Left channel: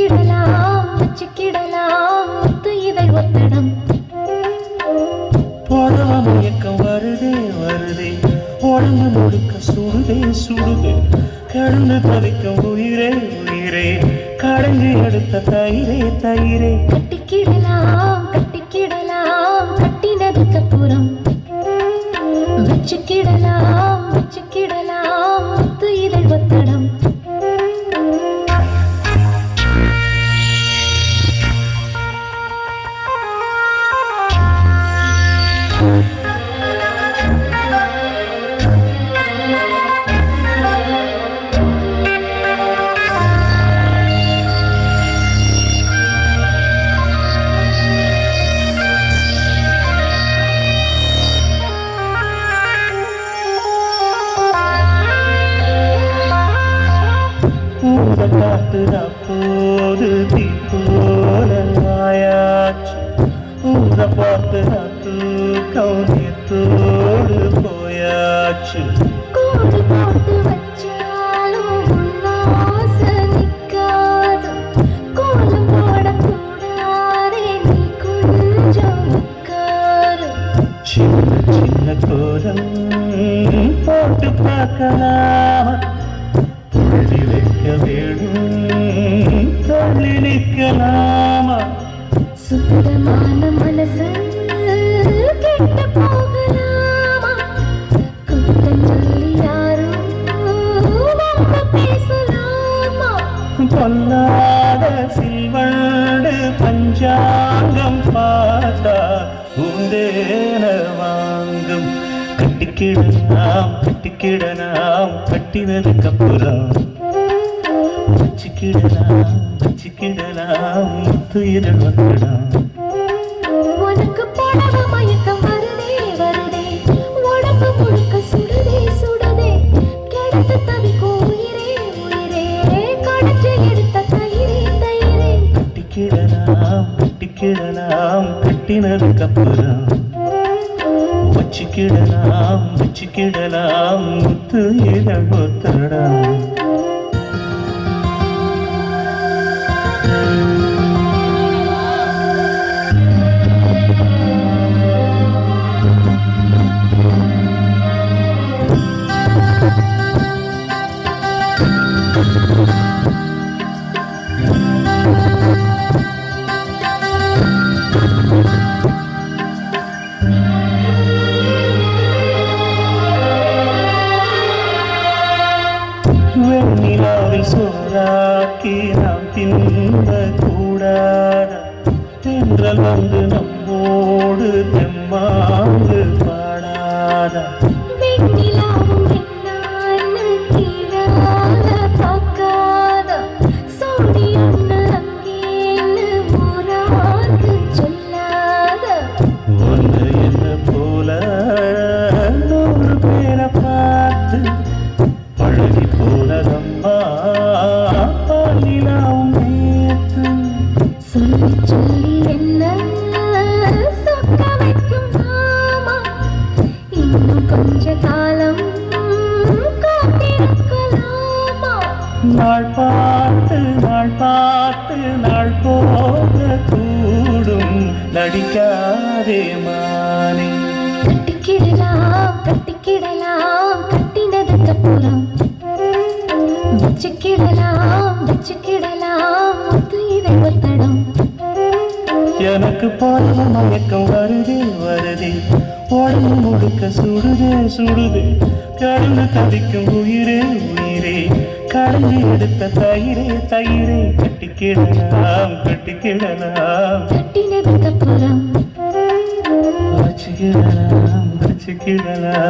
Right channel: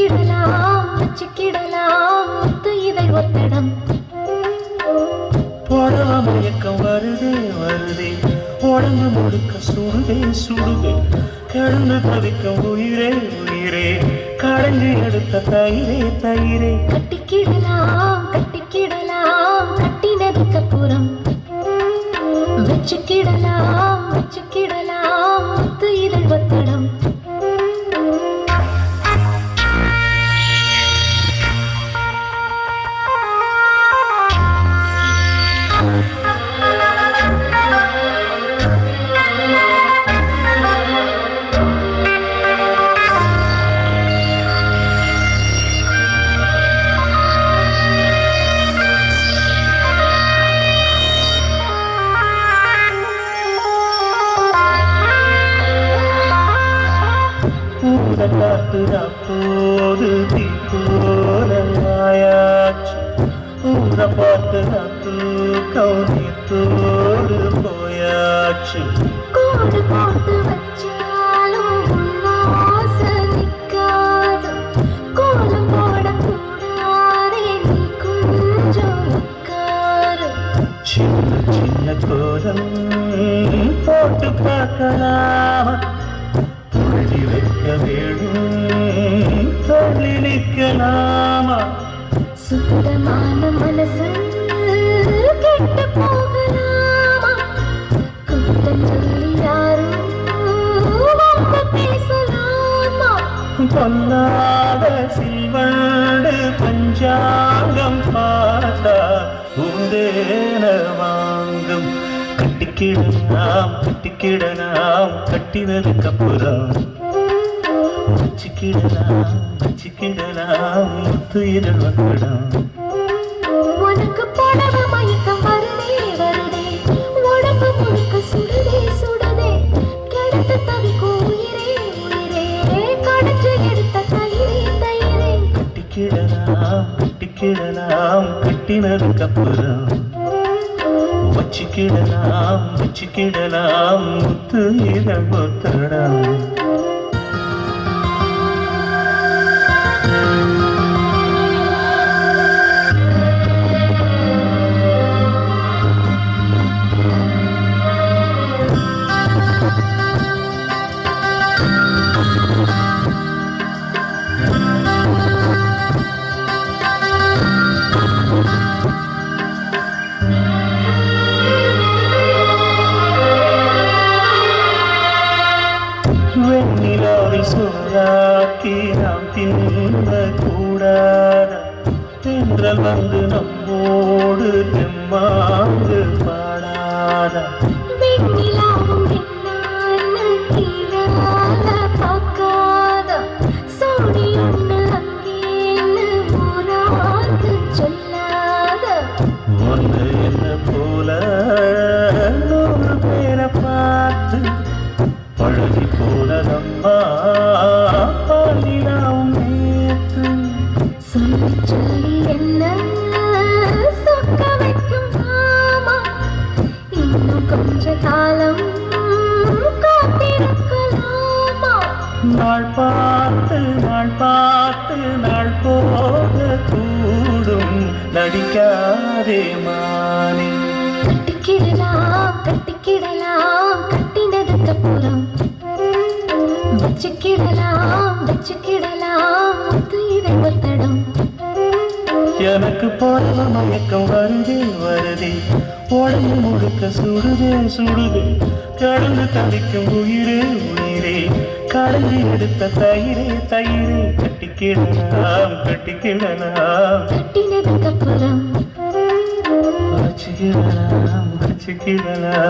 வச்சுக்கிடலாம் வச்சுக்கிடலாம் முத்து இதழ் ஒத்தடம். புடவ மயக்கம் வருதே வருதே. உடம்பு முழுக்க சுடுதே சுடுதே. கிடந்து தவிக்கும் உயிரே உயிரே. கடைஞ்சி எடுத்த தயிரே தயிரே. கட்டிக்கிடலாம் கட்டிக்கிடலாம் கட்டினதுக்கு அப்புறம் வச்சுக்கிடலாம் வச்சுக்கிடலாம் காத்து போது தீ போல மாயாச்சு ஊர பார்த்து நான் தூக்கம் நீத்தோடு போயாச்சு கோடு போட்டு வச்சாலும் உன்னாசை நிக்காது. கோலம் போடக்கூடாதே நீ கொஞ்சம் உட்காரு. சின்ன சின்ன கோலம் போட்டு பார்க்கலாமா. நிற்கலாமா சுத்தமான மனசு கெட்டு போகலாமா? குத்தம் சொல்லி யாரும் பேசலாமா? பொல்லாத சில்வண்டு பஞ்சாங்கம் பார்த்தா உந்தேன வாங்கும். கட்டிக்கிடலாம் கட்டிக்கிடலாம் கட்டினதுக்கு அப்புறம் வச்சுக்கிடலாம். வச்சுக்கிடலாம் முத்து இதழ் வக்கடம் உனக்கு புடவ மயக்கம் வருதே வருதே. உடம்பு முழுக்க சுடுதே சுடுதே. கிடத்த தவிக்கும் உயிரே உயிரே. கடைச்சி எடுத்த தயிரே தயிரே. கட்டிக்கிடலாம் கட்டிக்கிடலாம் கட்டினதுக்கு அப்புறம் வச்சுக்கிடலாம் வச்சுக்கிடலாம் முத்து இதழ் ஒத்தடம் ராக்கி நாம் தின்ன கூடாத தென்றல் வந்து நம்மோடு தெம்மாங்கு பாடாத. சொல்லி சொல்லி என்ன? சொக்க வைக்கும் மாமா. இன்னும் கொஞ்ச காலம் காத்திருக்கலாமா? நாள் பார்த்து நாள் பார்த்து நாள் போக கூடும். நடிக்காதே மானே. கட்டிக்கிடலாம் கட்டிக்கிடலாம் கட்டினதுக்கு அப்புறம். வச்சுக்கிடலாம் வச்சுக்கிடலாம். ஒத்தடம் எனக்கு போறவ மயக்கம் வருதே வருதே. உடம்பு முழுக்க சுடுதே சுடுதே கடந்து தவிக்கும் உயிரே உயிரே. கடைஞ்சி எடுத்த தயிரே தயிரே. கட்டிக்கிடலாம் கட்டிக்கிடலாம் கட்டினதுக்கு அப்புறம். வச்சுக்கிடலாம் வச்சுக்கிடலாம்.